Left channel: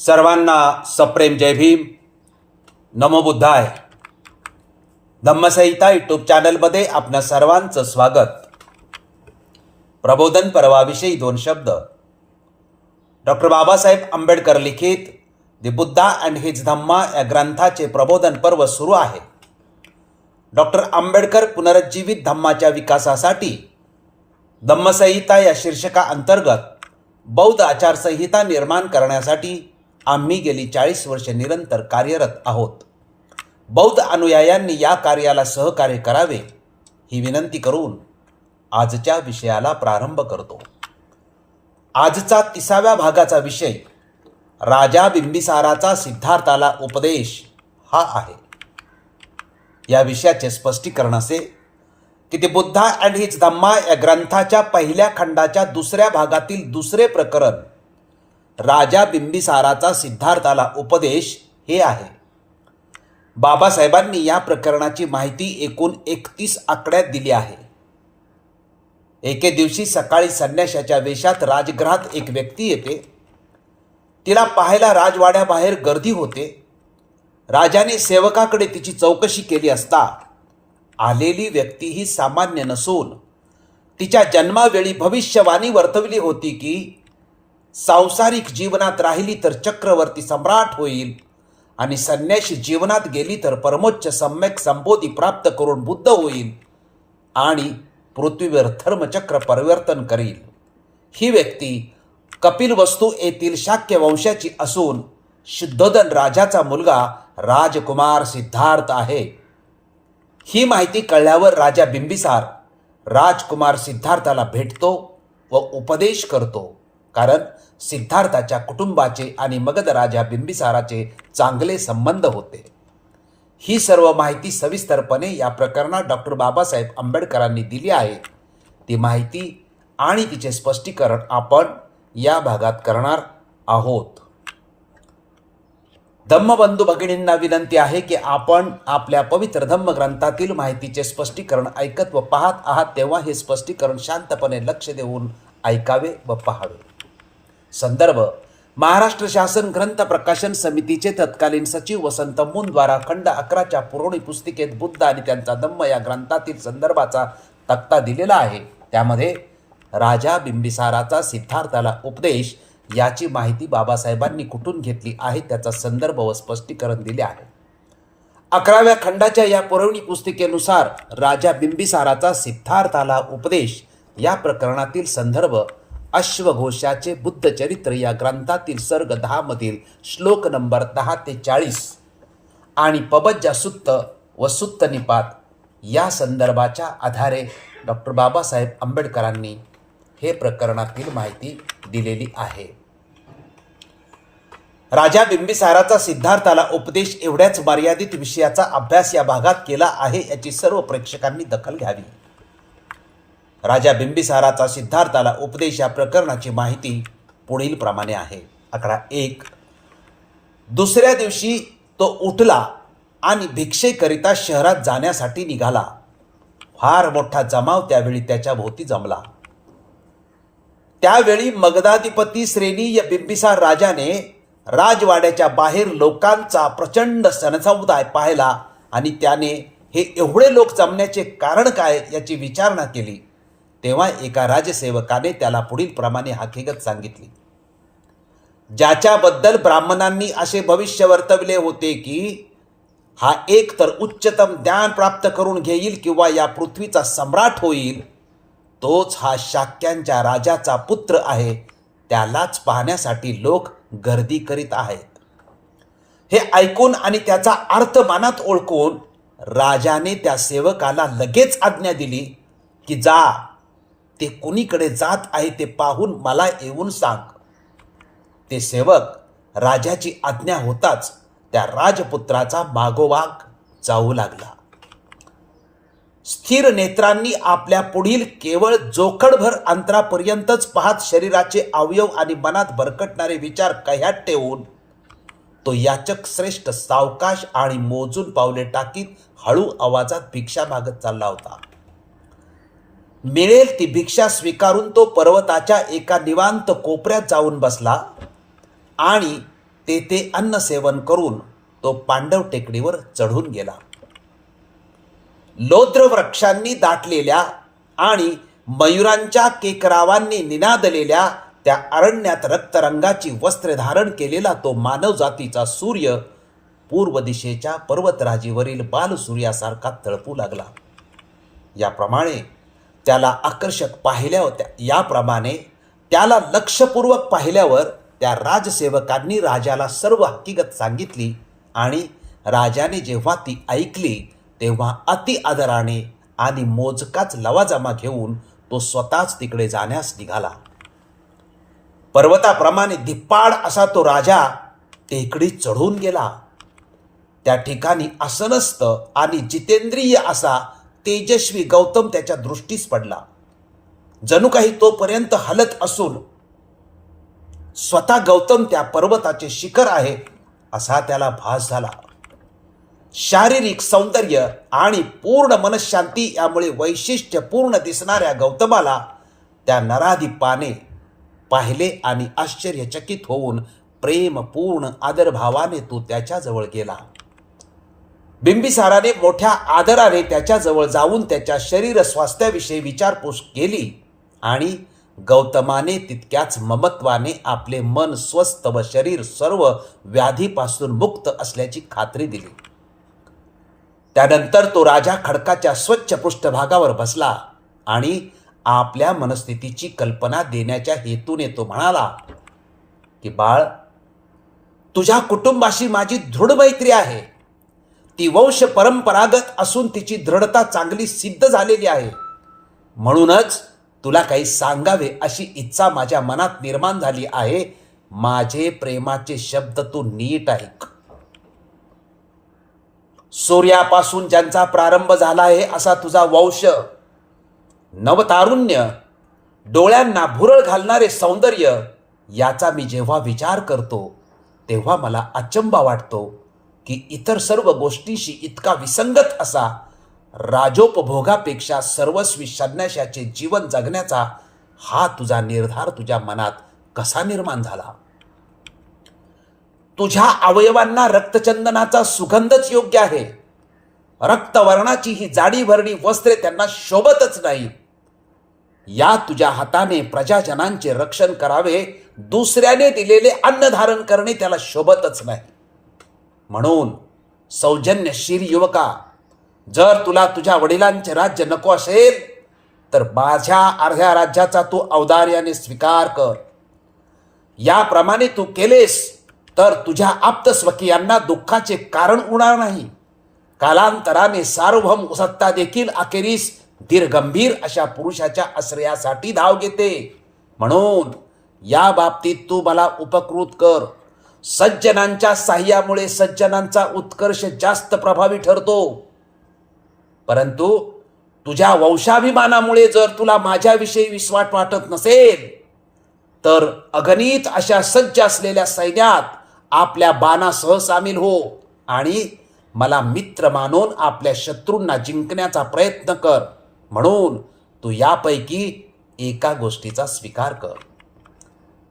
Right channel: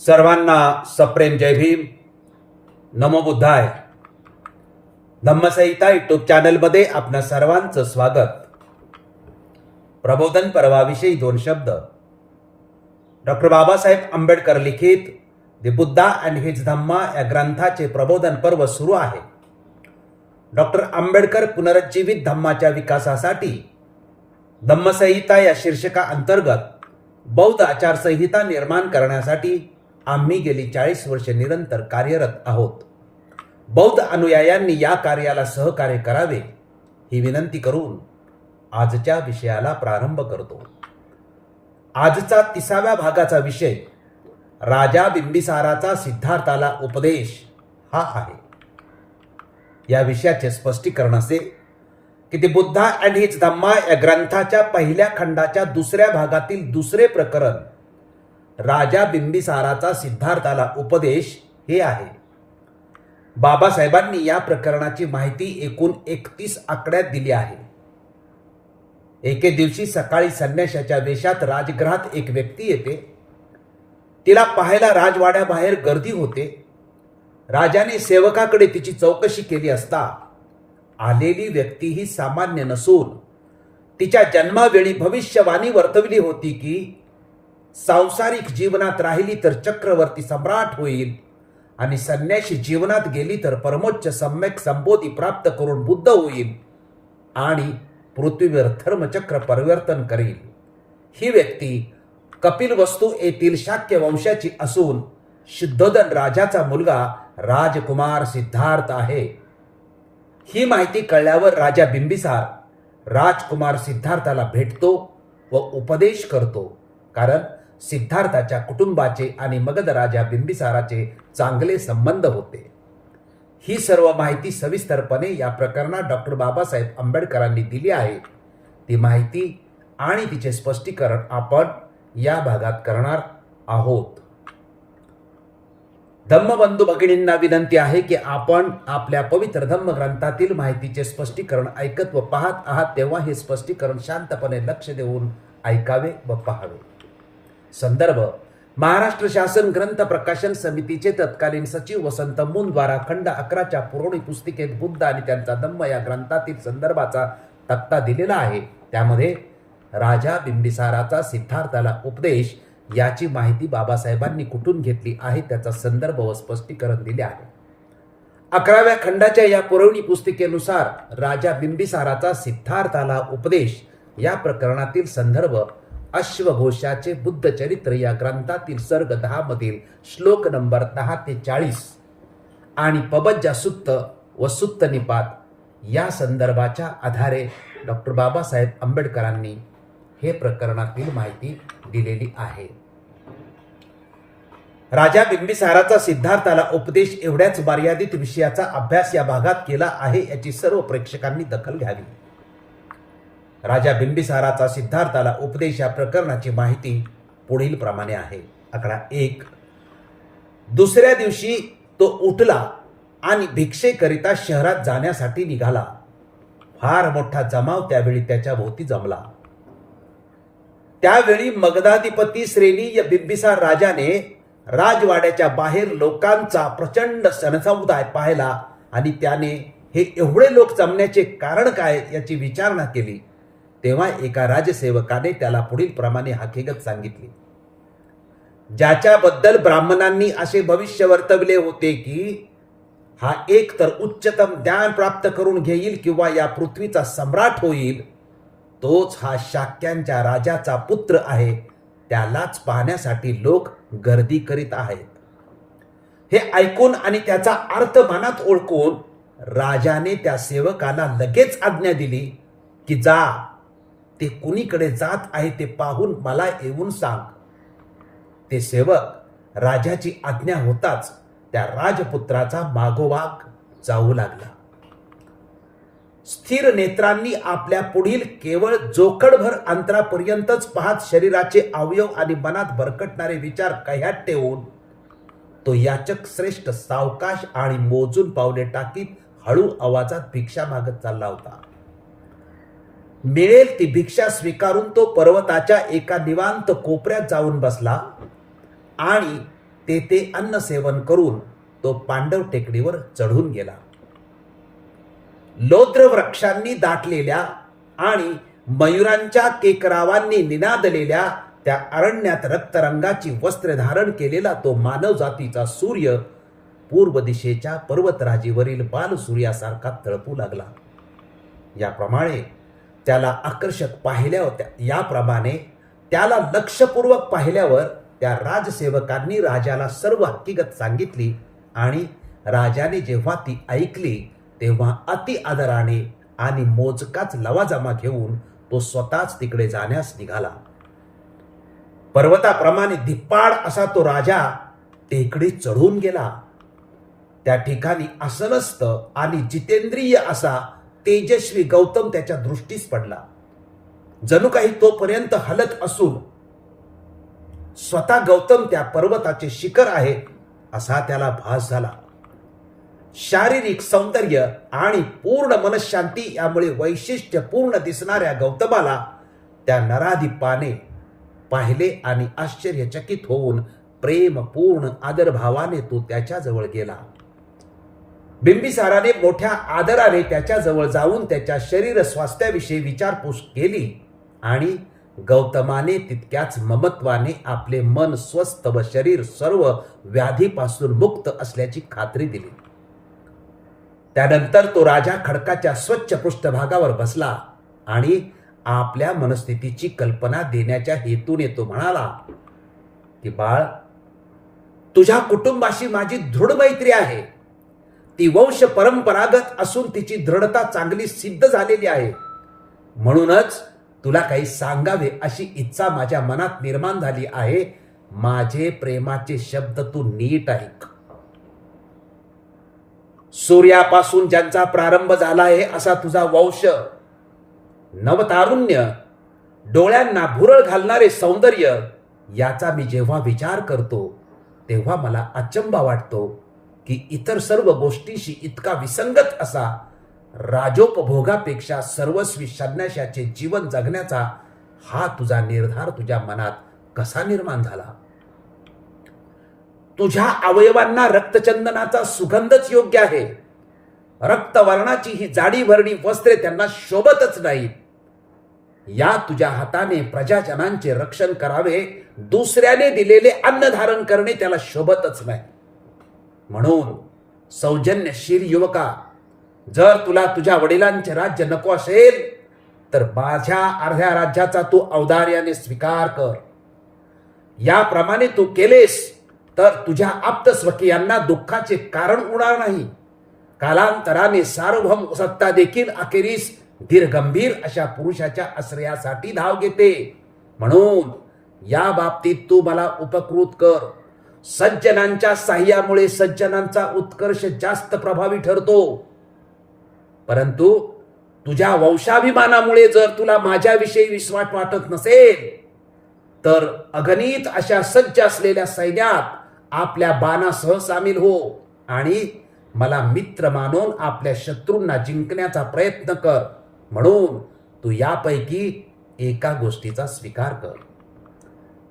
सर्वांना सप्रेम जय भीम. नमो बुद्धाय. धम्मसहिता यूट्यूब चॅनलमध्ये आपल्या सर्वांचं स्वागत. प्रबोधन पर्वाविषयी दोन शब्द. डॉक्टर बाबासाहेब आंबेडकर लिखित दि बुद्धा अँड हिज धम्मा या ग्रंथाचे प्रबोधन पर्व सुरू आहे. डॉक्टर आंबेडकर पुनरुज्जीवित धम्माच्या विकासासाठी धम्मसंहिता या शीर्षका अंतर्गत बौद्ध आचारसंहिता निर्माण करण्यासाठी आम्ही गेली चाळीस वर्षे निरंतर कार्यरत आहोत. बौद्ध अनुयायांनी या कार्याला सहकार्य करावे ही विनंती करून आजच्या विषयाला प्रारंभ करतो. आजचा तिसाव्या भागाचा विषय राजा बिंबिसाराचा सिद्धार्थाला उपदेश हा आहे. या विषयाचे स्पष्टीकरण असे की ते बुद्धा अँड हिज धम्मा या ग्रंथाच्या पहिल्या खंडाच्या दुसऱ्या भागातील दुसरे प्रकरण राजा बिंबिसाराचा सिद्धार्थाला उपदेश हे आहे. बाबासाहेबांनी या प्रकरणाची माहिती एकूण एकतीस आकड्यात दिली आहे. एके दिवशी सकाळी संन्याशाच्या वेशात राजगृहात एक व्यक्ती येते. तिला पाहायला राजवाड्याबाहेर गर्दी होते. राजाने सेवकाकडे तिची चौकशी केली असता आलेली व्यक्ती ही सामान्य नसून तिच्या जन्मावेळी भविष्यवाणी वर्तवली होती की सांसारिक जीवनात राहिली तर चक्रवर्ती सम्राट होईल. आणि संन्याशी जीवनात गेली तर परमोच्च सम्यक संबोधी प्राप्त करून बुद्ध होईल. आणि पृथ्वीवर धर्मचक्र परिवर्तन करील. ही व्यक्ती कपिल वस्तू येथील शाक्य वंशाची असून शुद्धोदन राजाचा मुलगा राजकुमार सिद्धार्थ आहे. ही माहिती कळल्यावर राजा बिंबिसार राजकुमार सिद्धार्थाला भेटतो व उपदेश करतो. कारण सिद्धार्थाच्या कुटुंबाचे आणि मगध राजा बिंबिसाराचे चांगले संबंध होते. ही सर्व माहिती सविस्तरपणे या प्रकरणात डॉक्टर बाबासाहेब आंबेडकरांनी दिली आहे. ती माहिती आणि तिचे स्पष्टीकरण आपण या भागात करणार आहोत. धम्मबंधू भगिनींना विनंती आहे की आपण आपल्या पवित्र धम्मग्रंथातील माहितीचे स्पष्टीकरण ऐकत व पाहत आहात तेव्हा हे स्पष्टीकरण शांतपणे लक्ष देऊन ऐकावे व पाहावे. संदर्भ महाराष्ट्र शासन ग्रंथ प्रकाशन समितीचे तत्कालीन सचिव वसंत द्वारा खंड अकराच्या पुरवणी पुस्तिकेत बुद्ध आणि त्यांचा दम्म या ग्रंथातील संदर्भाचा तक्ता दिलेला आहे. त्यामध्ये राजा बिंबिसाराचा सिद्धार्थाला उपदेश याची माहिती बाबासाहेबांनी कुठून घेतली आहे त्याचा संदर्भ व स्पष्टीकरण दिले आहे. अकराव्या खंडाच्या या पुरवणी पुस्तिकेनुसार राजा बिंबिसाराचा सिद्धार्थाला उपदेश या प्रकरणातील संदर्भ अश्वघोषाचे बुद्ध चरित्र या ग्रंथातील सर्ग दहा मधील श्लोक नंबर दहा ते चाळीस. आणि पबज्जा सुत्त व सुत्त निपात या संदर्भाच्या आधारे डॉक्टर बाबासाहेब आंबेडकरांनी हे प्रकरणातील माहिती दिलेली आहे. राजा बिंबिसाराचा सिद्धार्थाला उपदेश एवढ्याच मर्यादित विषयाचा अभ्यास या भागात केला आहे याची सर्व प्रेक्षकांनी दखल घ्यावी. राजा बिंबिसाराचा सिद्धार्थाला उपदेश या प्रकरणाची माहिती पुढील प्रमाणे आहे. आकडा एक. दुसऱ्या दिवशी तो उठला आणि भिक्षेकरिता शहरात जाण्यासाठी निघाला. फार मोठा जमाव त्यावेळी त्याच्या भोवती जमला. त्यावेळी मगधाधिपती श्रेणी या बिंबिसार राजाने राजवाड्याच्या बाहेर लोकांचा प्रचंड सणसमुदाय पाहिला आणि त्याने हे एवढे लोक जमण्याचे कारण काय याची विचारणा केली. तेव्हा एका राजसेवकाने त्याला पुढील प्रमाणे हकीकत सांगितली. ज्याच्याबद्दल ब्राह्मणांनी असे भविष्य वर्तवले होते की हा एक तर उच्चतम ज्ञान प्राप्त करून घेईल किंवा या पृथ्वीचा सम्राट होईल तोच हा शाक्यांच्या राजाचा पुत्र आहे त्यालाच पाहण्यासाठी लोक गर्दी करीत आहेत. हे ऐकून आणि त्याचा अर्थ मनात ओळखून राजाने त्या सेवकाला लगेच आज्ञा दिली की जा ते कुणीकडे जात आहे ते पाहून मला येऊन सांग. ते सेवक राजाची आज्ञा होताच त्या राजपुत्राचा मागोमाग जाऊ लागला. स्थिर नेत्रांनी आपल्या पुढील केवळ जोखडभर अंतरापर्यंतच पाहत शरीराचे अवयव आणि मनात भरकटणारे विचार कह्यात ठेवून तो याचक श्रेष्ठ सावकाश आणि मोजून पावले टाकीत हळू आवाजात भिक्षा मागत चालला होता. मिळेल ती भिक्षा स्वीकारून तो पर्वताच्या एका निवांत कोपऱ्यात जाऊन बसला आणि तेथे अन्न सेवन करून तो पांडव टेकडीवर चढून गेला. लोद्र वृक्षांनी दाटलेल्या आणि मयुरांच्या केकरावांनी निनादलेल्या त्या अरण्यात रक्तरंगाची वस्त्र धारण केलेला तो मानवजातीचा सूर्य पूर्व दिशेच्या पर्वतराजीवरील बालसूर्यासारखा तळपू लागला. याप्रमाणे त्याला आकर्षक पाहिल्या होत्या. याप्रमाणे त्याला लक्षपूर्वक पाहिल्यावर त्या राजसेवकांनी राजाला सर्व हकीकत सांगितली आणि राजाने जेव्हा ती ऐकली तेव्हा अति आदराने आणि मोजकाच लवाजमा घेऊन तो स्वतःच तिकडे जाण्यास निघाला. पर्वताप्रमाणे धिप्पाड असा तो राजा टेकडी चढून गेला. त्या ठिकाणी असनस्त आणि जितेंद्रिय असा तेजस्वी गौतम त्याच्या दृष्टीस पडला. जणू काही तोपर्यंत हलत असून स्वतः गौतम त्या पर्वताचे शिखर आहे असा त्याला भास झाला. शारीरिक सौंदर्य आणि पूर्ण मनशांती यामुळे वैशिष्ट्यपूर्ण दिसणाऱ्या गौतमाला त्या नराधिपाने पाहिले आणि आश्चर्यचकित होऊन प्रेमपूर्ण आदरभावाने तो त्याच्याजवळ गेला. बिंबिसाराने मोठ्या आदराने त्याच्याजवळ जाऊन त्याच्या शरीर स्वास्थ्याविषयी विचारपूस केली आणि गौतमाने तितक्याच ममत्वाने आपले मन स्वस्थ व शरीर सर्व व्याधीपासून मुक्त असल्याची खात्री दिली. त्यानंतर तो राजा खडकाच्या स्वच्छ पृष्ठभागावर बसला आणि आपल्या मनस्थितीची कल्पना देण्याच्या हेतूने तो म्हणाला की बाळ तुझ्या कुटुंबाशी माझी दृढ मैत्री आहे. ती वंश परंपरागत असून तिची दृढता चांगली सिद्ध झालेली आहे. म्हणूनच तुला काही सांगावे अशी इच्छा माझ्या मनात निर्माण झाली आहे. माझे प्रेमाचे शब्द तू नीट ऐक. सूर्यापासून ज्यांचा प्रारंभ झाला आहे असा तुझा वंश. नवतारुण्य डोळ्यांना भुरळ घालणारे सौंदर्य याचा मी जेव्हा विचार करतो तेव्हा मला अचंबा वाटतो. की इतर सर्व गोष्टीशी इतका विसंगत असा राजोपभोगापेक्षा सर्वस्वी संन्याशाचे जीवन जगण्याचा हा तुझा निर्धार तुझ्या मनात कसा निर्माण झाला? तुझ्या अवयवांना रक्तचंदनाचा सुगंधच योग्य आहे. रक्तवर्णाची ही जाडी भरणी वस्त्रे त्यांना शोभतच नाहीत या तुझ्या हाताने प्रजाजनांचे रक्षण करावे दुसऱ्याने दिलेले अन्न धारण करणे त्याला शोभतच नाही. म्हणून सौजन्यशील युवका जर तुला तुझ्या वडिलांचे राज्य नको असेल तर माझ्या अर्ध्या राज्याचा तू औदार्याने स्वीकार कर. याप्रमाणे तू केलेस तर तुझ्या आप्तस्वकीयांना दुःखाचे कारण उणार नाही. कालांतराने सार्वभौम सत्ता देखील अखेरीस धीरगंभीर अशा पुरुषाच्या आश्रयासाठी धाव घेते. म्हणून या बाबतीत तू मला उपकृत कर. सज्जनांच्या साह्यामुळे सज्जनांचा उत्कर्ष जास्त प्रभावी ठरतो. परंतु तुझ्या वंशाभिमानामुळे जर तुला माझ्याविषयी विश्वास वाटत नसेल तर अगणित अशा सज्ज असलेल्या सैन्यात आपल्या बाणासह सामील हो आणि मला मित्र मानून आपल्या शत्रूंना जिंकण्याचा प्रयत्न कर. म्हणून तू यापैकी एका गोष्टीचा स्वीकार कर.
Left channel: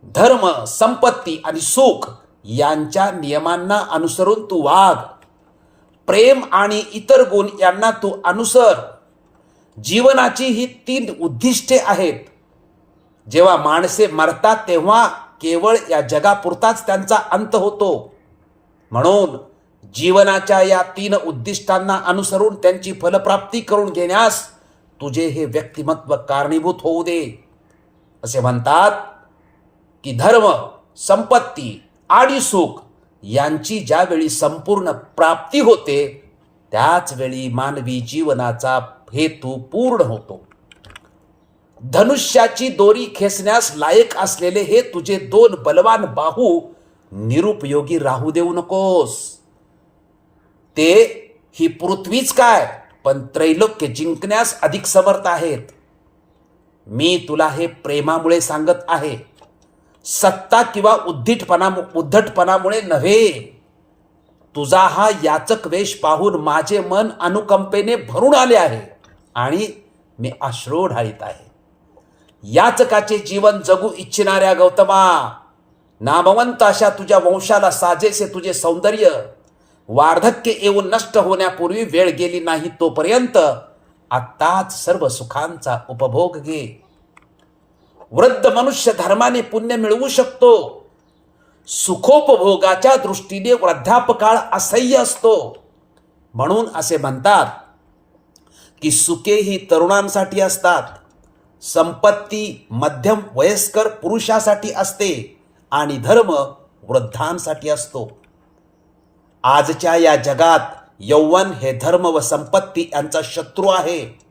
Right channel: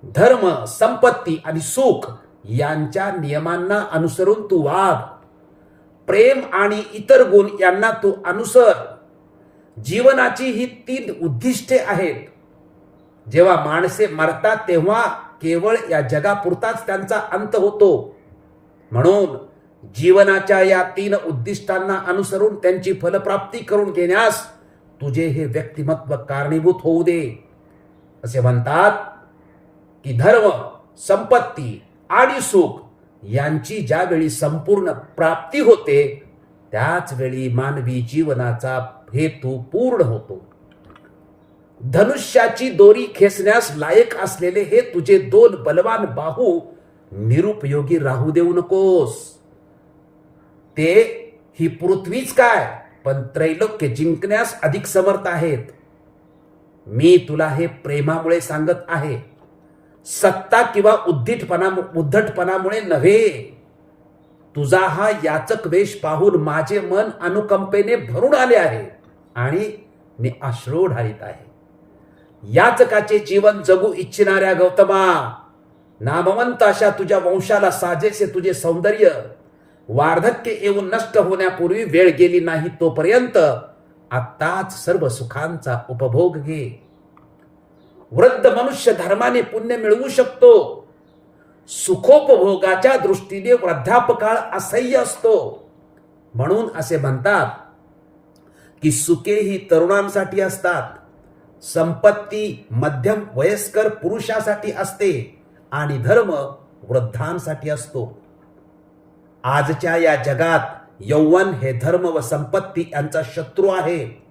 धर्म संपत्ती आणि सुख यांच्या नियमांना अनुसरून तू वाग प्रेम आणि इतर गुण यांना तू अनुसर. जीवनाची ही तीन उद्दिष्टे आहेत. जेव्हा माणसे मरतात तेव्हा केवळ या जगापुरताच त्यांचा अंत होतो. म्हणून जीवनाच्या या तीन उद्दिष्टांना अनुसरून त्यांची फलप्राप्ती करून घेण्यास तुझे हे व्यक्तिमत्व कारणीभूत होऊ दे. असे म्हणतात की धर्म संपत्ती आणि सुख यांची ज्यावेळी संपूर्ण प्राप्ती होते त्याच वेळी मानवी जीवनाचा हेतू पूर्ण होतो. धनुष्याची दोरी खेचण्यास लायक असलेले हे तुझे दोन बलवान बाहू निरुपयोगी राहू देऊ नकोस. ते ही पृथ्वीच काय पण त्रैलोक्य जिंकण्यास अधिक समर्थ आहेत. मी तुला हे प्रेमामुळे सांगत आहे. सत्ता किंवा उद्धिटपणा उद्धटपणामुळे नव्हे. तुझा हा याचक वेश पाहून माझे मन अनुकंपेने भरून आले आहे आणि मी अश्रू ढाळीत आहे. याचकाचे जीवन जगू इच्छिणाऱ्या गौतमा नामवंत अशा तुझ्या वंशाला साजेसे तुझे सौंदर्य वार्धक्य येऊन नष्ट होण्यापूर्वी वेळ गेली नाही तोपर्यंत आत्ताच सर्व सुखांचा उपभोग घे. वृद्ध मनुष्य धर्माने पुण्य मिळवू शकतो. सुखोपभोगाच्या दृष्टीने वृद्धापकाळ असह्य असतो. म्हणून असे म्हणतात की सुखे ही तरुणांसाठी असतात. संपत्ती मध्यम वयस्कर पुरुषासाठी असते आणि धर्म वृद्धांसाठी असतो. आजच्या या जगात यौवन हे धर्म व संपत्ती यांचा शत्रू आहे.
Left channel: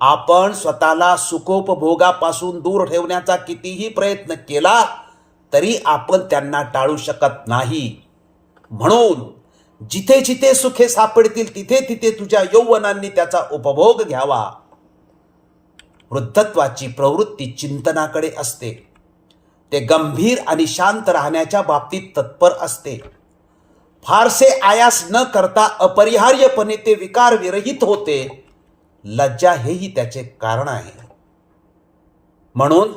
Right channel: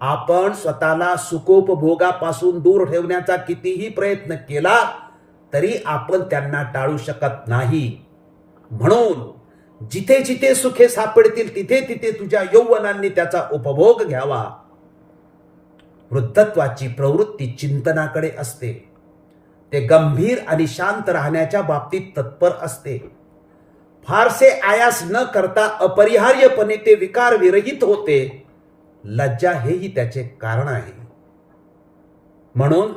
आपण स्वतःला सुखोपभोगापासून दूर ठेवण्याचा कितीही प्रयत्न केला तरी आपण त्यांना टाळू शकत नाही. म्हणून जिथे जिथे सुखे सापडतील तिथे तिथे तुझ्या यौवनांनी त्याचा उपभोग घ्यावा. वृद्धत्वाची प्रवृत्ती चिंतनाकडे असते. ते गंभीर आणि शांत राहण्याच्या बाबतीत तत्पर असते. फारसे आयास न करता अपरिहार्यपणे ते विकार विरहित होते. लज्जा हेही त्याचे कारण आहे. म्हणून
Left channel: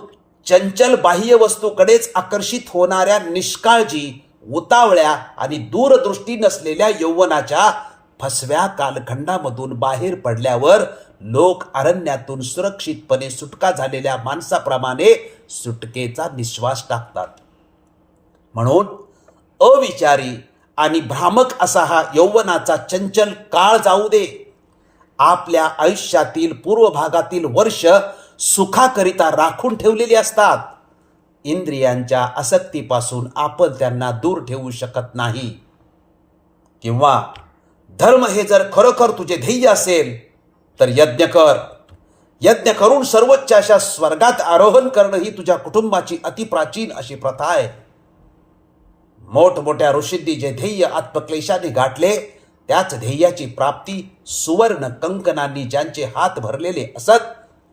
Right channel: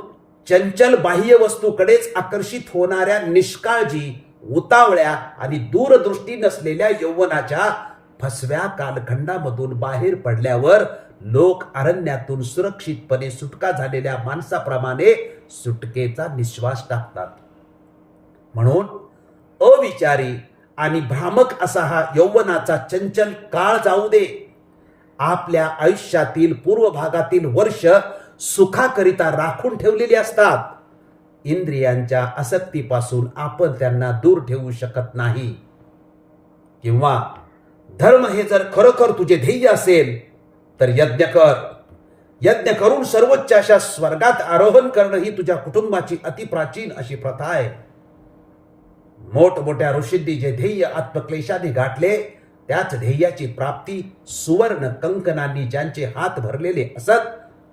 चंचल बाह्य वस्तूकडेच आकर्षित होणाऱ्या निष्काळजी उतावळ्या आणि दूरदृष्टी नसलेल्या यौवनाच्या फसव्या कालखंडामधून बाहेर पडल्यावर लोक अरण्यातून सुरक्षितपणे सुटका झालेल्या माणसाप्रमाणे सुटकेचा निश्वास टाकतात. म्हणून अविचारी आणि भ्रामक असा हा यौवनाचा चंचल काळ जाऊ दे. आपल्या आयुष्यातील पूर्व भागातील वर्ष सुखाकरिता राखून ठेवलेली असतात. इंद्रियांच्या आसक्तीपासून आपण त्यांना दूर ठेवू शकत नाही. किंवा धर्म हे जर खरोखर तुझे ध्येय असेल तर यज्ञ कर. यज्ञ करून सर्वोच्च अशा स्वर्गात आरोहण करणं ही तुझ्या कुटुंबाची अतिप्राचीन अशी प्रथा आहे. मोठमोठ्या ऋषींनी जे ध्येय आत्मक्लेशाने गाठले त्याच ध्येयाची प्राप्ती सुवर्ण कंकणांनी ज्यांचे हात भरलेले असत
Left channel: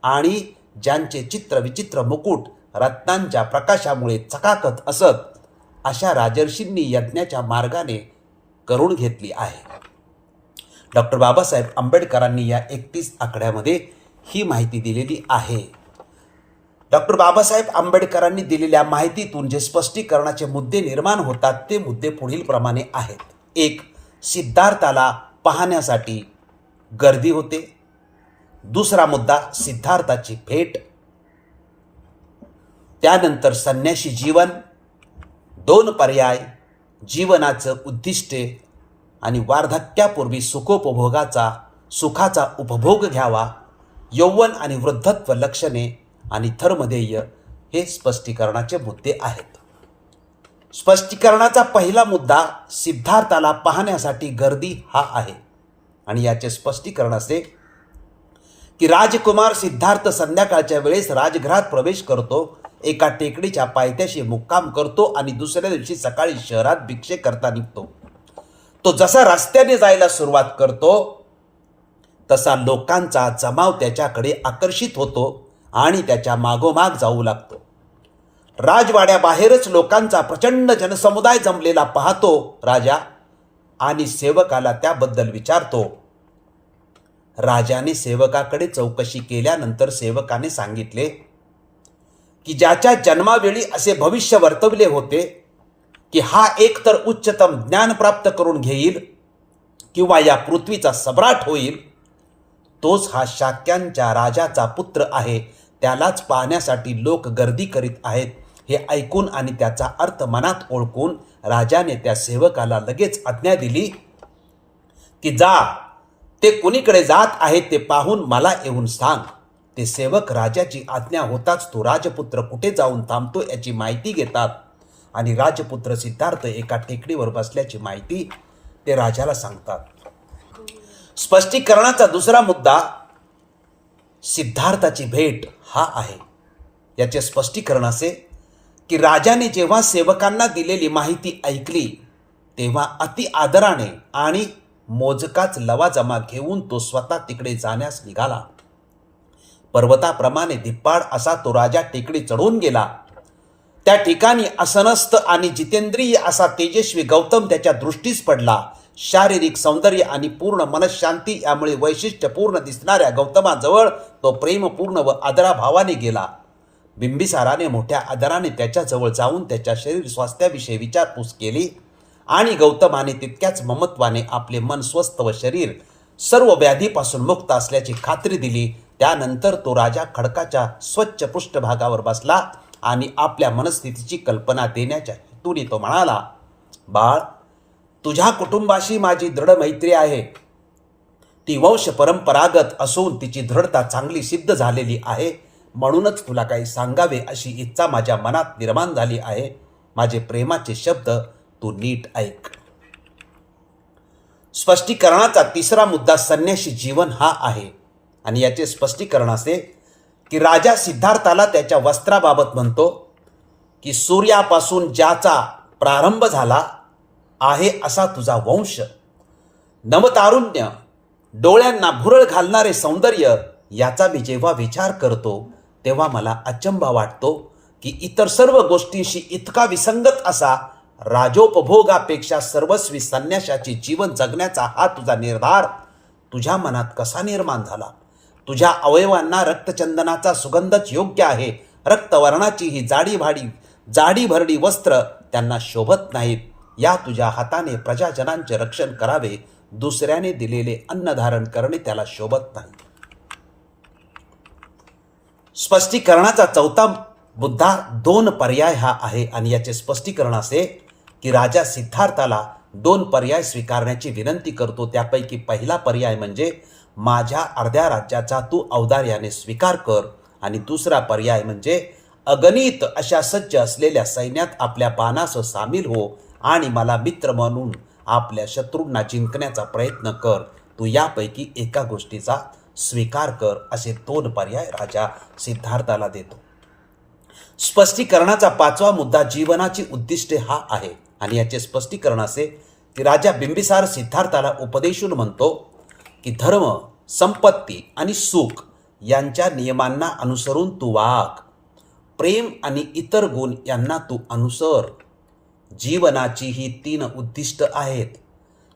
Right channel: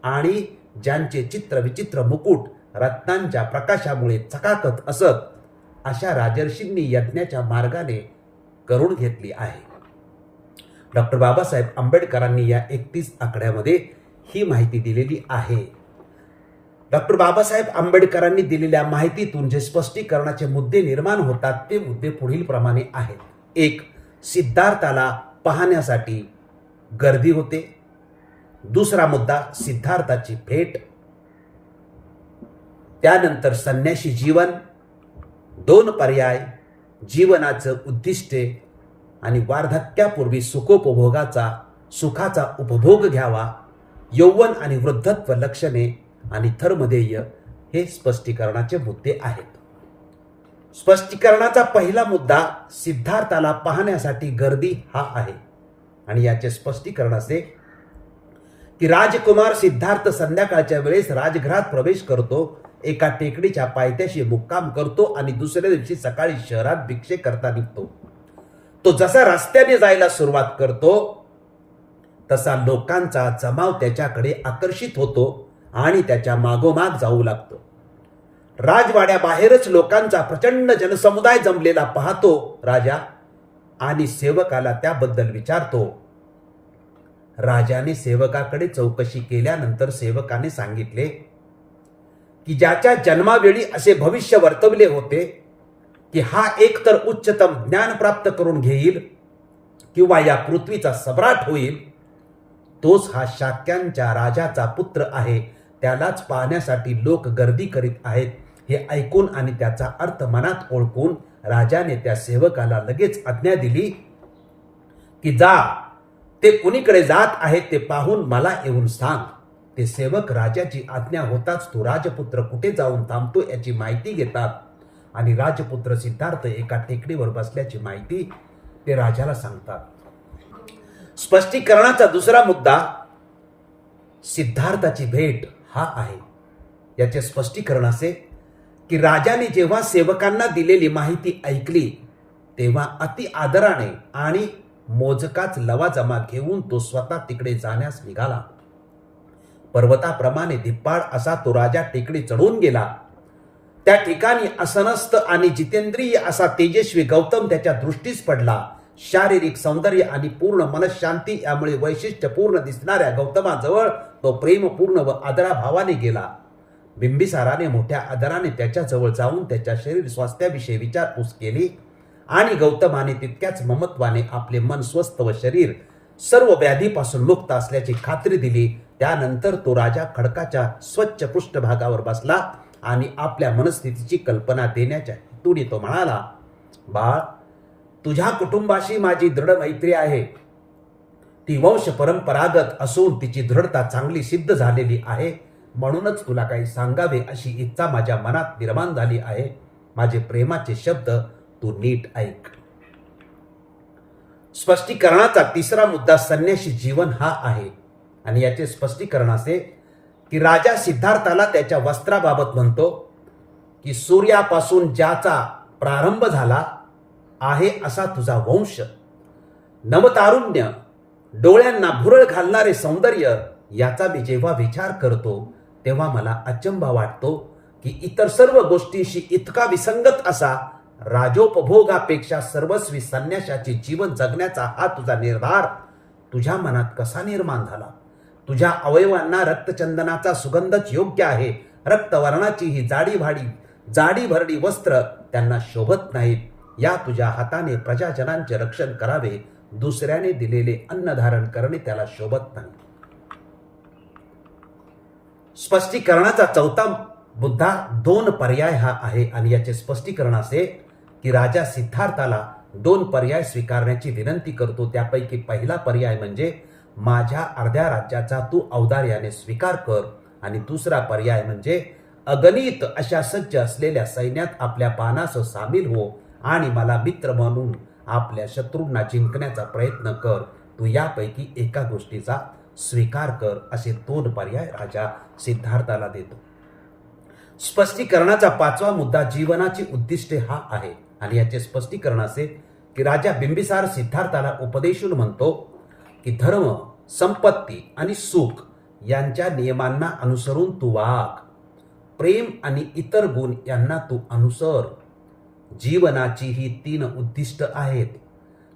आणि ज्यांचे चित्र विचित्र मुकुट रत्नांच्या प्रकाशामुळे चकाकत असत अशा राजर्षींनी यज्ञाच्या मार्गाने करून घेतली आहे. डॉक्टर बाबासाहेब आंबेडकरांनी या एकतीस आकड्यामध्ये ही माहिती दिलेली आहे. डॉक्टर बाबासाहेब आंबेडकरांनी दिलेल्या माहितीतून जे स्पष्टीकरणाचे मुद्दे निर्माण होतात ते मुद्दे पुढील प्रमाणे आहेत. एक सिद्धार्थाला पाहण्यासाठी गर्दी होते. दुसरा मुद्दा सिद्धार्थाची भेट. त्यानंतर संन्याशी जीवन. दोन पर्याय जीवनाचं उद्दिष्टे आणि वार्धक्यापूर्वी सुखोपभोगाचा सुखाचा उपभोग घ्यावा यौवन आणि वृद्धत्व लक्षणे आणि धर्मध्येय हे स्पष्टीकरणाचे मुद्दे आहेत. स्पष्टीकरणाचा पहिला मुद्दा सिद्धार्थाला पाहण्यासाठी गर्दी हा आहे. आणि याचे स्पष्टीकरण असे की राजकुमार सिद्धार्थ संध्याकाळच्या वेळेस राजगृहात प्रवेश करतो एका टेकडीच्या पायथ्याशी मुक्काम करतो आणि दुसऱ्या दिवशी सकाळी शहरात भिक्षे करता निघतो. तो जसा रस्त्याने जायला सुरुवात करतो तसा लोकांचा जमाव त्याच्याकडे आकर्षित होतो आणि त्याच्या मागोमाग जाऊ लागतो. राजवाड्याबाहेरच लोकांचा प्रचंड जनसमुदाय जमलेला पाहतो राजा आणि सेवकाला त्याबद्दल विचारतो. राजाने सेवकाकडे चौकशी केल्यानंतर सेवकाने सांगितले की ज्याच्या जन्मावेळी असे भविष्य वर्तवले होते की हा एकतर उच्चतम ज्ञान प्राप्त करून घेईल किंवा या पृथ्वीचा सम्राट होईल तोच हा शाक्यांच्या राजाचा पुत्र आहे त्यालाच पाहण्यासाठी लोक गर्दी करीत आहेत. हे ऐकून आणि त्याचा अर्थ मनात ओळखून राजाने त्या सेवकाला लगेच आज्ञा दिली की जा ते कुणीकडे जात आहेत ते पाहून मला येऊन सांग. ते सेवक राजाची आज्ञा होताच तो राजपुत्र कुठे जाऊन थांबतो याची माहिती घेतात. आणि राजपुत्र सिद्धार्थ एका टेकडीवर बसल्याची माहिती ते राजाला सांगतात. स्पष्टीकरणाचा दुसरा मुद्दा सिद्धार्थाची भेट हा आहे. याचे स्पष्टीकरण असे की राजाने जेव्हा सेवकांना दिलेली माहिती ऐकली तेव्हा अति आदराने आणि मोजकाच लवाजमा घेऊन तो स्वतः तिकडे जाण्यास निघाला. पर्वताप्रमाणे धिप्पाड असा तो राजा टेकडी चढून गेला. त्या ठिकाणी असनस्त आणि जितेंद्रिय असा तेजस्वी गौतम त्याच्या दृष्टीस पडला. शारीरिक सौंदर्य आणि पूर्ण मनशांती यामुळे वैशिष्ट्यपूर्ण दिसणाऱ्या गौतमाजवळ तो प्रेमपूर्ण व आदराभावाने गेला. बिंबिसाराने मोठ्या आदराने त्याच्याजवळ जाऊन त्याच्या शरीर स्वास्थ्याविषयी विचारपूस केली आणि गौतमाने तितक्याच ममत्वाने आपले मन स्वस्थ व शरीर सर्व व्याधीपासून मुक्त असल्याची खात्री दिली. त्यानंतर तो राजा खडकाच्या स्वच्छ पृष्ठभागावर बसला आणि आपल्या मनस्थितीची कल्पना देण्याच्या हेतूने तो म्हणाला बाळ तुझ्या कुटुंबाशी माझी दृढ मैत्री आहे. ती वंश परंपरागत असून तिची दृढता चांगली सिद्ध झालेली आहे. म्हणूनच तुला काही सांगावे अशी इच्छा माझ्या मनात निर्माण झाली आहे. माझे प्रेमाचे शब्द तू नीट ऐक. स्पष्टीकरणाचा तिसरा मुद्दा संन्याशी जीवन हा आहे. आणि याचे स्पष्टीकरण असे की राजा सिद्धार्थाला त्याच्या वस्त्राबाबत म्हणतो की सूर्यापासून ज्याचा प्रारंभ झाला आहे असा तुझा वंश. नवतारुण्य डोळ्यांना भुरळ घालणारे सौंदर्य याचा मी जेव्हा विचार करतो तेव्हा मला अचंबा वाटतो की इतर सर्व गोष्टींशी इतका विसंगत असा राजोपभोगापेक्षा सर्वस्वी संन्याशाचे जीवन जगण्याचा हा तुझा निर्धार तुझ्या मनात कसा निर्माण झाला? तुझ्या अवयवांना रक्तचंदनाचा सुगंधच योग्य आहे. रक्तवर्णाची ही जाडीभाडी जाडी भरडी वस्त्र त्यांना शोभत नाहीत. या तुझ्या हाताने प्रजाजनांचे रक्षण करावे. दुसऱ्याने दिलेले अन्न धारण करणे त्याला शोभत नाही. स्पष्टीकरणाचा चौथा मुद्दा दोन पर्याय हा आहे. आणि याचे स्पष्टीकरण असे की राजा सिद्धार्थाला दोन पर्याय स्वीकारण्याची विनंती करतो. त्यापैकी पहिला पर्याय म्हणजे माझ्या अर्ध्या राज्याचा तू औदार्याने स्वीकार कर. आणि दुसरा पर्याय म्हणजे अगणित अशा सज्ज असलेल्या सैन्यात आपल्या बाणास सामील हो आणि मला मित्र म्हणून आपल्या शत्रूंना जिंकण्याचा प्रयत्न कर. तू यापैकी एका गोष्टीचा स्वीकार कर असे दोन पर्याय राजा सिद्धार्थाला देतो. स्पष्टीकरणाचा पाचवा मुद्दा जीवनाची उद्दिष्टे हा आहे. आणि याचे स्पष्टीकरण असे की राजा बिंबिसार सिद्धार्थाला उपदेशून म्हणतो की धर्म संपत्ती आणि सुख यांच्या नियमांना अनुसरून तू वाग. प्रेम आणि इतर गुण यांना तू अनुसर. जीवनाची ही तीन उद्दिष्ट आहेत.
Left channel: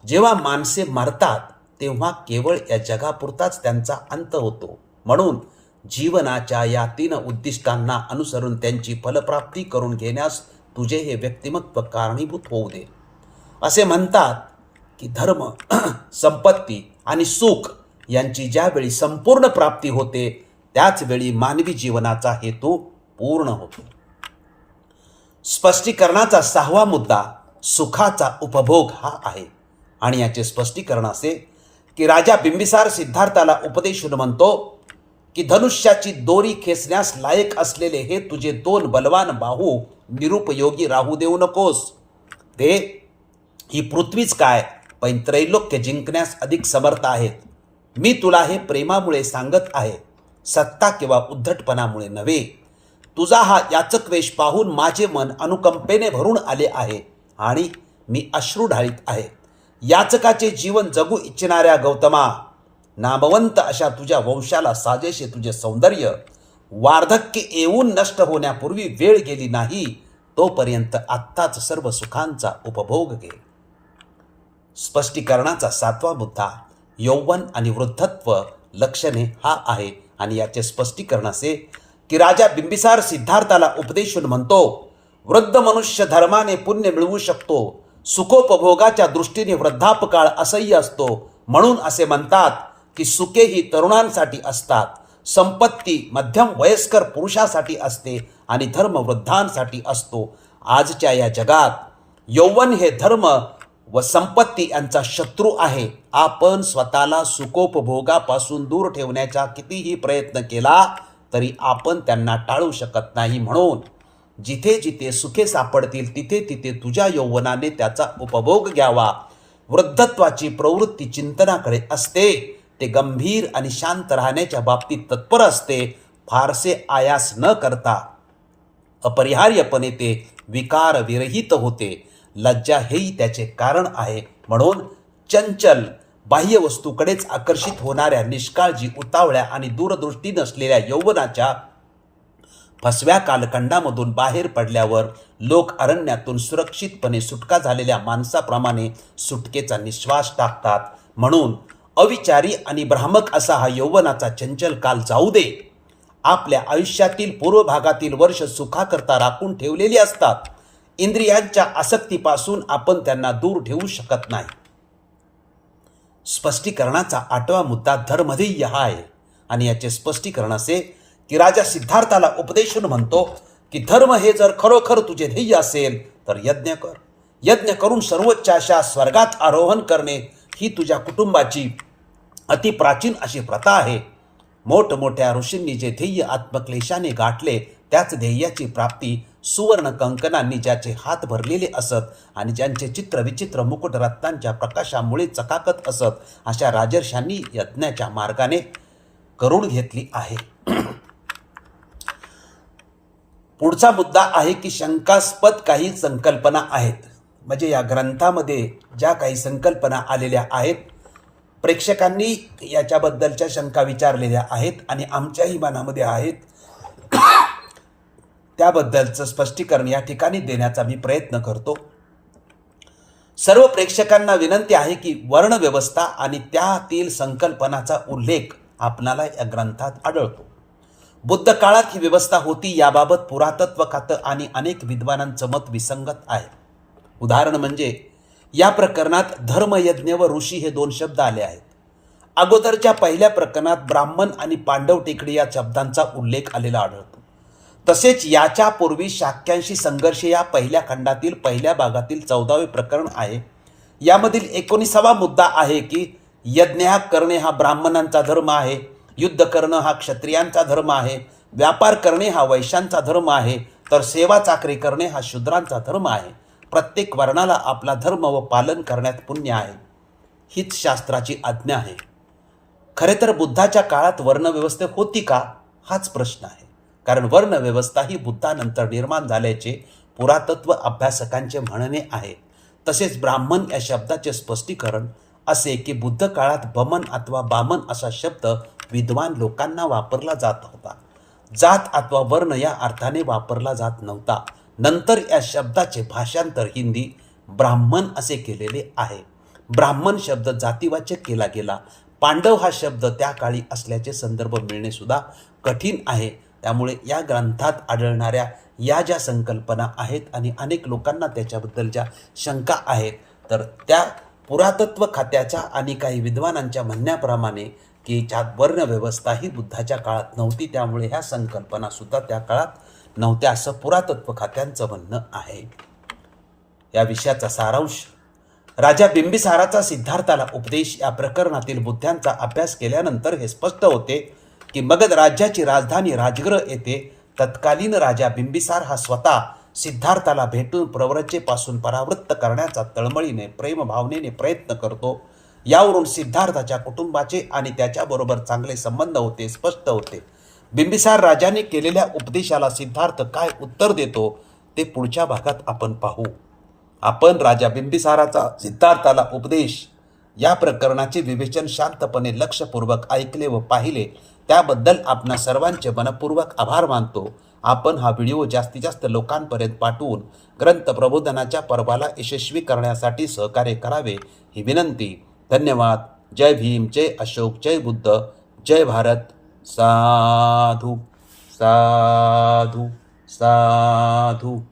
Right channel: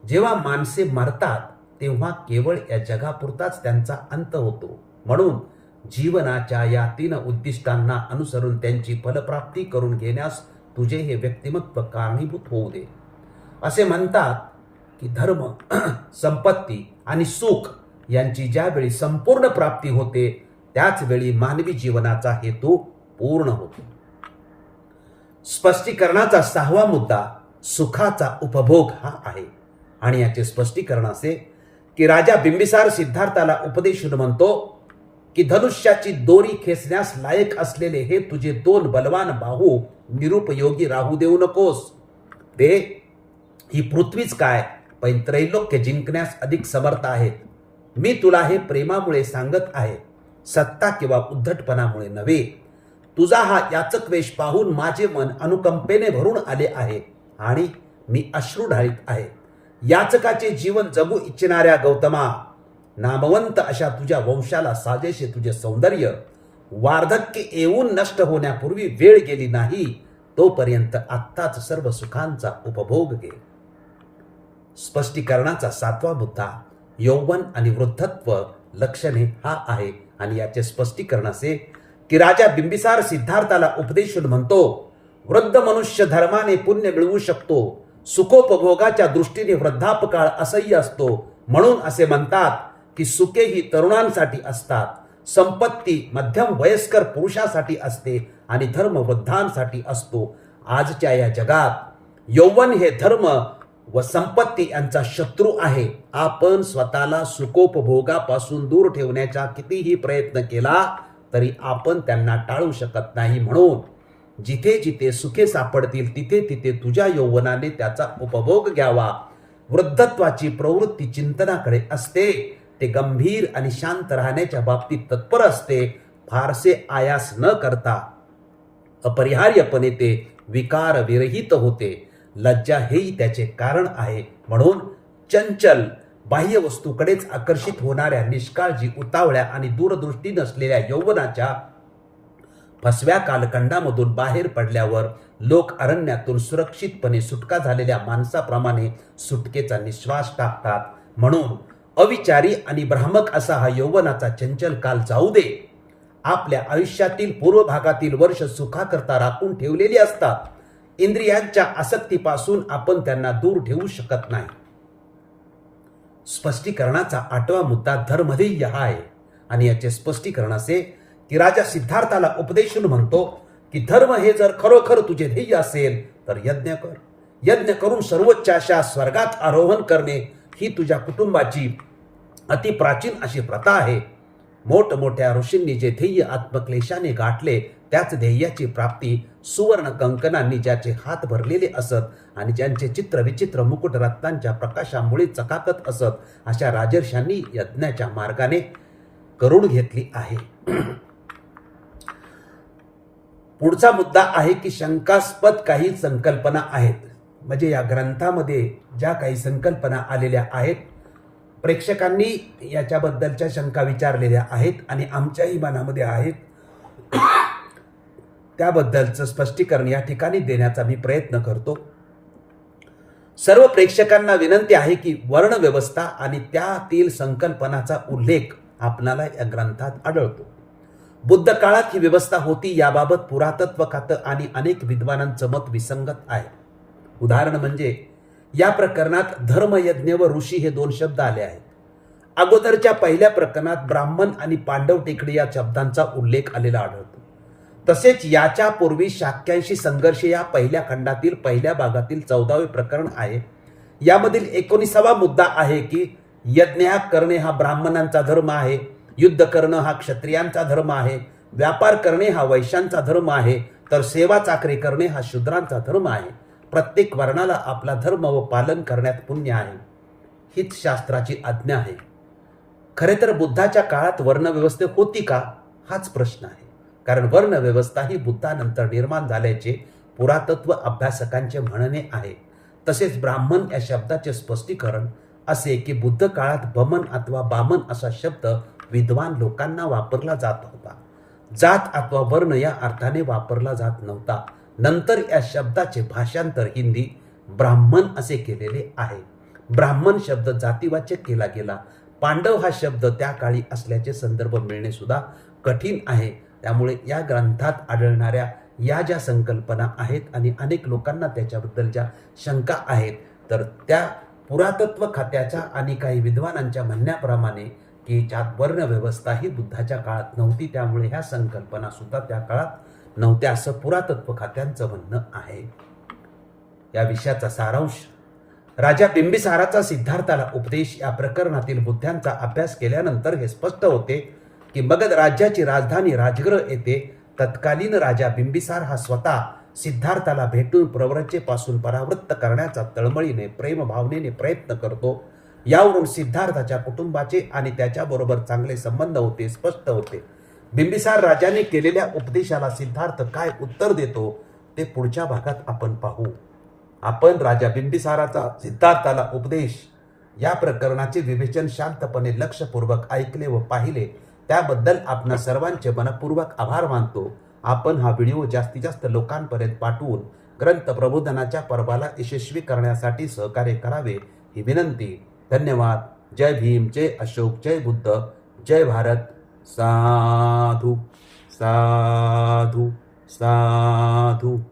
जेव्हा माणसे मरतात तेव्हा केवळ या जगापुरताच त्यांचा अंत होतो. म्हणून जीवनाच्या या तीन उद्दिष्टांना अनुसरून त्यांची फलप्राप्ती करून घेण्यास तुझे हे व्यक्तिमत्व कारणीभूत होऊ दे. असे म्हणतात की धर्म संपत्ती आणि सुख यांची ज्यावेळी संपूर्ण प्राप्ती होते त्याच वेळी मानवी जीवनाचा हेतू पूर्ण होतो. स्पष्टीकरणाचा सहावा मुद्दा सुखाचा उपभोग हा आहे. आणि याचे स्पष्टीकरण असे की राजा बिंबिसार सिद्धार्थाला उपदेशून म्हणतो की धनुष्याची दोरी खेचण्यास लायक असलेले हे तुझे दोन बलवान बाहू निरुपयोगी राहू देऊ नकोस. ते ही पृथ्वीच काय पण त्रैलोक्य जिंकण्यास अधिक समर्थ आहेत. मी तुला हे प्रेमामुळे सांगत आहे सत्ता किंवा उद्धटपणामुळे नव्हे. तुझा हा याचक वेश पाहून माझे मन अनुकंपेने भरून आले आहे आणि मी अश्रू ढाळीत आहे. याचकाचे जीवन जगू इच्छिणाऱ्या गौतमा नामवंत अशा तुझ्या वंशाला साजेशे तुझे सौंदर्य वार्धक्य येऊन नष्ट होण्यापूर्वी वेळ गेली नाही तोपर्यंत आत्ताच सर्व सुखांचा उपभोग घे. स्पष्टीकरणाचा सातवा मुद्दा यौवन आणि वृद्धत्व लक्षणे हा आहे आणि याचे स्पष्टीकरण असे की राजा बिंबिसार सिद्धार्थाला उपदेशून म्हणतो वृद्ध मनुष्य धर्माने पुण्य मिळवू शकतो सुखोपभोगाच्या दृष्टीने वृद्धापकाळ असह्य असतो. म्हणून असे म्हणतात की सुखे ही तरुणांसाठी असतात. संपत्ती मध्यम वयस्कर पुरुषासाठी असते आणि धर्म वृद्धांसाठी असतो. आजच्या या जगात यौवन हे धर्म व संपत्ती यांचा शत्रू आहे. आपण स्वतःला सुखोपभोगापासून दूर ठेवण्याचा कितीही प्रयत्न केला तरी आपण त्यांना टाळू शकत नाही म्हणून जिथे जिथे सुखे सापडतील तिथे तिथे तुझ्या यौवनाने त्याचा उपभोग घ्यावा. वृद्धत्वाची प्रवृत्ती चिंतनाकडे असते. ते गंभीर आणि शांत राहण्याच्या बाबतीत तत्पर असते. फारसे आयास न करता. अपरिहार्यपणे ते विकार विरहित होते. लज्जा हेही त्याचे कारण आहे. म्हणून चंचल बाह्य वस्तूकडेच आकर्षित होणाऱ्या निष्काळजी उतावळ्या आणि दूरदृष्टी नसलेल्या यौवनाच्या फसव्या कालखंडामधून बाहेर पडल्यावर लोक अरण्यातून सुरक्षितपणे सुटका झालेल्या माणसाप्रमाणे सुटकेचा निश्वास टाकतात. म्हणून अविचारी आणि भ्रामक असा हा यौवनाचा चंचल काल जाऊ दे. आपल्या आयुष्यातील पूर्व भागातील वर्ष सुखाकरता राखून ठेवलेली असतात. इंद्रियांच्या आसक्तीपासून आपण त्यांना दूर ठेवू शकत नाही. स्पष्टीकरणाचा आठवा मुद्दा धर्मध्येय हा आहे आणि याचे स्पष्टीकरण असे की राजा सिद्धार्थाला उपदेशून म्हणतो की धर्म हे जर खरोखर तुझे ध्येय असेल तर यज्ञ कर. यज्ञ करून सर्वोच्च अशा स्वर्गात आरोहण करणे ही तुझ्या कुटुंबाची अतिप्राचीन अशी प्रथा आहे. मोठमोठ्या ऋषींनी जे ध्येय आत्मक्लेशाने गाठले त्याच ध्येयाची प्राप्ती सुवर्ण कंकणांनी ज्याचे हात भरलेले असत आणि ज्यांचे चित्र विचित्र मुकुट रत्नांच्या प्रकाशामुळे चकाकत असत अशा राजर्षांनी यज्ञाच्या मार्गाने करून घेतली आहे. पुढचा मुद्दा आहे की शंकास्पद काही संकल्पना आहेत. म्हणजे या ग्रंथामध्ये ज्या काही संकल्पना आलेल्या आहेत प्रेक्षकांनी याच्याबद्दलच्या शंका विचारलेल्या आहेत आणि आमच्याही मनामध्ये आहेत. त्याबद्दलचं स्पष्टीकरण या ठिकाणी देण्याचा मी प्रयत्न करतो. सर्व प्रेक्षकांना विनंती आहे की वर्णव्यवस्था आणि त्यातील संकल्पनाचा उल्लेख आपणाला या ग्रंथात आढळतो. बुद्ध काळात ही व्यवस्था होती याबाबत पुरातत्व खातं आणि अनेक विद्वानांचं मत विसंगत आहे. उदाहरण म्हणजे या प्रकरणात धर्मयज्ञ व ऋषी हे दोन शब्द आले आहेत. अगोदरच्या पहिल्या प्रकरणात ब्राह्मण आणि पांडव टेकडी या शब्दांचा उल्लेख आलेला आढळतो. तसेच याच्या पूर्वी शाक्यांशी संघर्ष या पहिल्या खंडातील पहिल्या भागातील चौदावे प्रकरण आहे. यामधील एकोणीसावा मुद्दा आहे की यज्ञ हा करणे हा ब्राह्मणांचा धर्म आहे. युद्ध करणं हा क्षत्रियांचा धर्म आहे व्यापार करणे हा वैश्यांचा धर्म आहे तर सेवा चाकरी करणे हा शूद्रांचा धर्म आहे. प्रत्येक वर्णाला आपला धर्म व पालन करण्यात पुण्य आहे. हीच शास्त्राची आज्ञा आहे. खरे तर बुद्धाच्या काळात वर्णव्यवस्था होती का? हाच प्रश्न आहे. कारण वर्णव्यवस्था ही बुद्धानंतर निर्माण झाल्याचे पुरातत्व अभ्यासकांचे म्हणणे आहे. तसेच ब्राह्मण या शब्दाचे स्पष्टीकरण असे की बुद्ध काळात बमन अथवा बामन असा शब्द विद्वान लोकांना वापरला जात होता जात अथवा वर्ण या अर्थाने वापरला जात नव्हता. नंतर या शब्दाचे भाषांतर हिंदी ब्राह्मण असे केलेले आहे. ब्राह्मण शब्द जातीवाचक केला गेला. पांडव हा शब्द त्या काळी असल्याचे संदर्भ मिळणे सुद्धा कठीण आहे. त्यामुळे या ग्रंथात आढळणाऱ्या या ज्या संकल्पना आहेत आणि अनेक लोकांना त्याच्याबद्दल ज्या शंका आहेत तर त्या पुरातत्व खात्याच्या आणि काही विद्वानांच्या म्हणण्याप्रमाणे की ज्यात वर्णव्यवस्था ही बुद्धाच्या काळात नव्हती त्यामुळे ह्या संकल्पना सुद्धा त्या काळात नव्हत्या असं पुरातत्व खात्यांचं म्हणणं आहे. या विषयाचा सारांश राजा बिंबिसाराचा सिद्धार्थाला उपदेश या प्रकरणातील बुद्ध्यांचा अभ्यास केल्यानंतर हे स्पष्ट होते की मगध राज्याची राजधानी राजग्रह येथे तत्कालीन राजा बिंबिसार हा स्वतः सिद्धार्थाला भेटून प्रवरचेपासून परावृत्त करण्याचा तळमळीने प्रेमभावनेने प्रयत्न करतो. यावरून सिद्धार्थाच्या कुटुंबाचे आणि त्याच्याबरोबर चांगले संबंध होते स्पष्ट होते. बिंबिसार राजाने केलेल्या उपदेशाला सिद्धार्थ काय उत्तर देतो ते पुढच्या भागात आपण पाहू. आपण राजा बिंबिसाराचा सिद्धार्थाला उपदेश या प्रकरणाचे विवेचन शांतपणे लक्षपूर्वक ऐकले व पाहिले त्याबद्दल आपण सर्वांचे मनपूर्वक आभार मानतो. आपण हा व्हिडिओ जास्तीत जास्त लोकांपर्यंत पाठवून ग्रंथ प्रबोधनाच्या पर्वाला यशस्वी करण्यासाठी सहकार्य करावे ही विनंती. धन्यवाद। जय भीम जय अशोक जय बुद्ध जय भारत। साधू साधू साधू।